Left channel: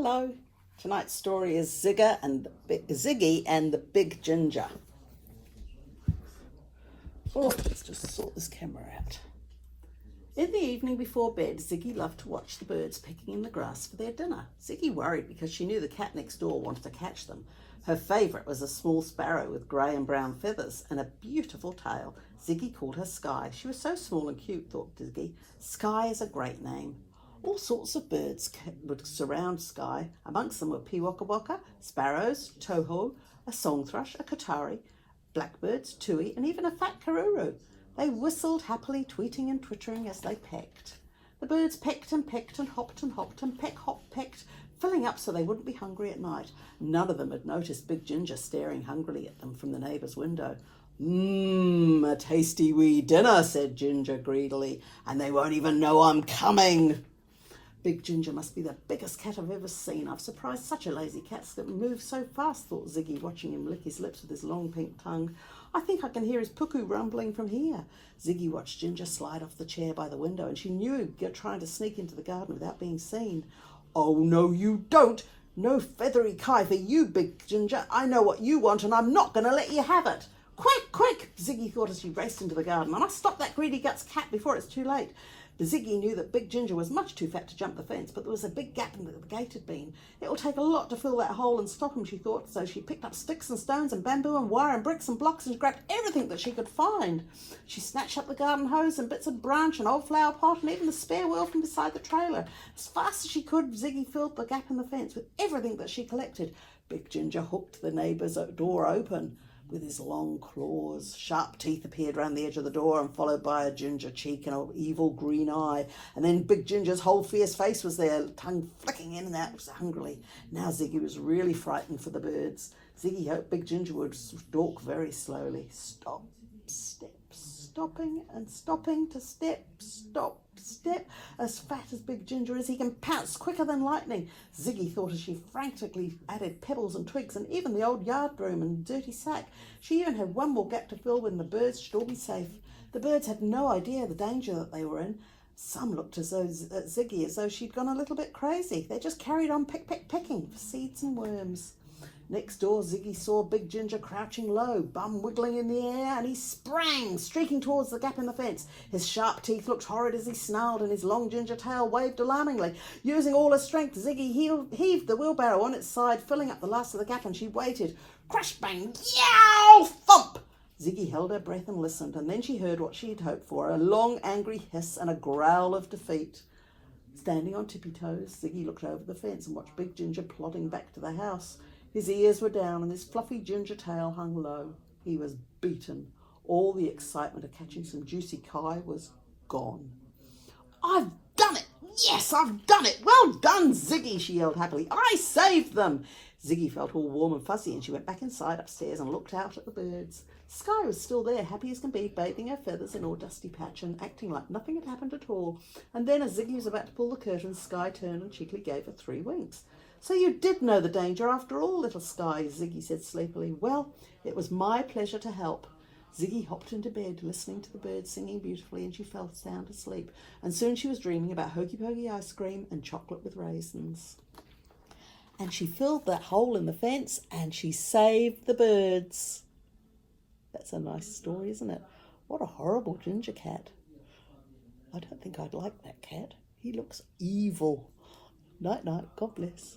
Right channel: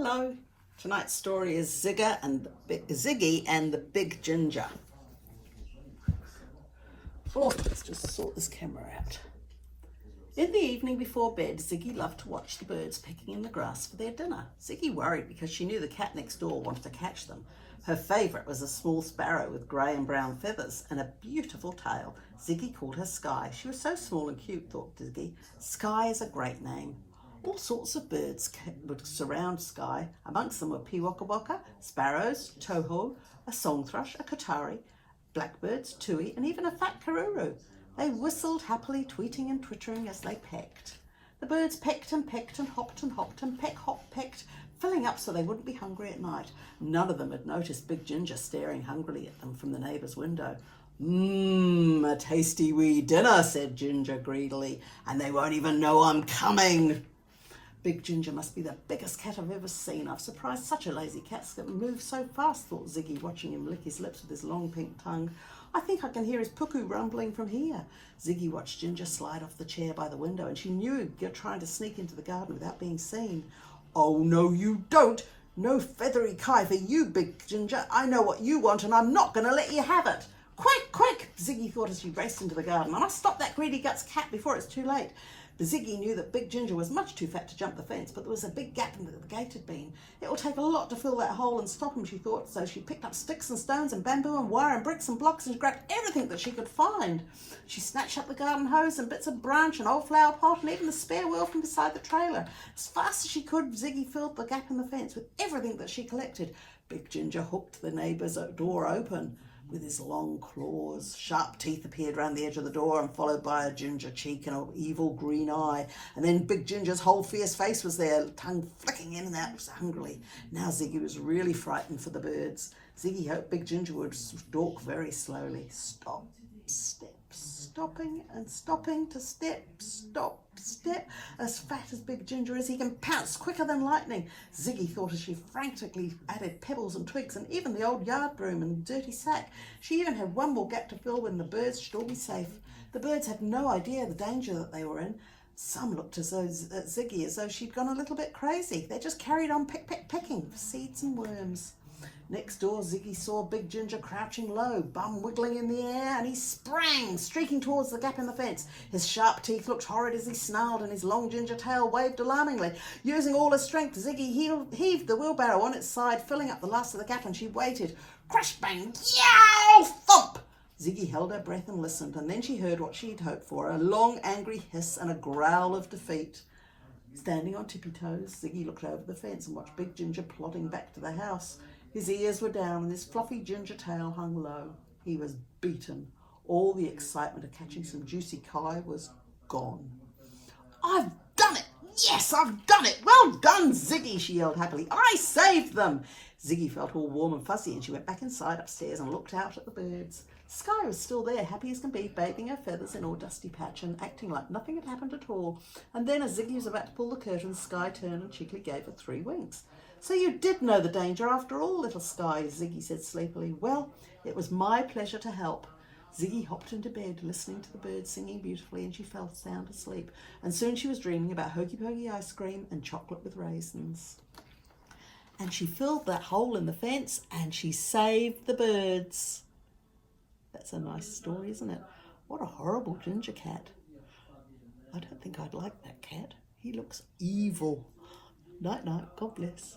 Hello. Tonight's story is Ziggy and the Big Ginger. Oh, let's just sort this camera out. In the evening before bed, Ziggy loved to watch the birds pecking in the grass for their dinner. Ziggy worried because she knew the cat next door wanted to catch them. Her favourite was a small sparrow with grey and brown feathers and a beautiful tail. Ziggy called her Sky. She was so small and cute, thought Ziggy. Sky is a great name. All sorts of birds would surround Sky. Amongst them were pewokawaka, sparrows, toho, a song thrush, a kotari, blackbirds, tui, and even a fat karuru. They whistled happily, tweeting and twittering as they pecked. The birds pecked and hopped and peck, hop, pecked, filling up so they wouldn't be hungry at night. None of them had noticed Big Ginger staring hungrily at them from the neighbour's window. A tasty wee dinner, said Ginger greedily, and they won't even know I'm coming. Big Ginger must be the biggest cat I've ever seen. I've surprised such a lazy cat that moves so fast, thought Ziggy, watching him lick his lips with his long pink tongue. I think I can hear his puku rumbling from here. Ziggy watched Ginger slide off the chair by the window, and she knew you're trying to sneak into the garden without being seen. Oh, no, you don't. No feathery kai for you, Big Ginger. I know what you want, and I'm not going to let you have it. Quick, quick, Ziggy thought as she raced into the garden. I must stop that greedy guts cat before it's too late. But Ziggy knew that Big Ginger was much too fat to jump the fence, but there was a big gap in the gate had been. It will take a lot to fill that hole and stop him, she thought, so she picked up sticks and stones and bamboo and wire and bricks and blocks and grabbed everything that she could find. She snatched up the garden hose and bits of branch and old flower pot and even the spare wheel from beside the trailer. As fast as she could, Ziggy filled the gap in the fence with everything that she collected. Big Ginger hooked the neighbour's door open with his long claws. Sharp teeth appeared round the edge of the door, and followed by a ginger cheek and an evil green eye. And then Big Ginger's whole fierce face was there, tongue flicking in and out hungrily. Now Ziggy was really frightened for the birds. Ziggy hoped Big Ginger would stalk very slowly. Stop, step, stopping and stopping to step, stop, step. As fat as Big Ginger is, he can pounce quicker than lightning. Ziggy thought as she frantically added pebbles and twigs and even the old yard broom and dirty sack. She even had one more gap to fill when the birds should all be safe. The birds had no idea the danger that they were in. Some looked at Ziggy as though she'd gone a little bit crazy. They just carried on pecking for seeds and worms. Next door, Ziggy saw Big Ginger crouching low, bum wiggling in the air, and he sprang, streaking towards the gap in the fence. His sharp teeth looked horrid as he snarled, and his long ginger tail waved alarmingly. Using all her strength, Ziggy heaved the wheelbarrow on its side, filling up the last of the gap, and she waited. Crash, bang, yow, thump! Ziggy held her breath and listened, and then she heard what she'd hoped for, a long, angry hiss and a growl of defeat. Standing on tippy toes, Ziggy looked over the fence and watched Big Ginger plodding back to the house. His ears were down and his fluffy ginger tail hung low. He was beaten. All the excitement of catching some juicy kai was gone. I've done it! Yes, I've done it! Well done, Ziggy, she yelled happily. I saved them! Ziggy felt all warm and fuzzy, and she went back inside upstairs and looked out at the birds. Sky was still there, happy as can be, bathing her feathers in all dusty patch and acting like nothing had happened at all. And then as Ziggy was about to pull the curtains, Sky turned and cheekily gave her 3 winks. So you did know the danger after all, little Sky, Ziggy said sleepily. Well, it was my pleasure to help. Ziggy hopped into bed, listening to the birds singing beautifully, and she fell sound asleep. And soon she was dreaming about hokey pokey ice cream and chocolate with raisins. And she filled that hole in the fence and she saved the birds. That's a nice story, isn't it? What a horrible ginger cat. I don't think I'd like that cat. He looks evil. Night, night. God bless.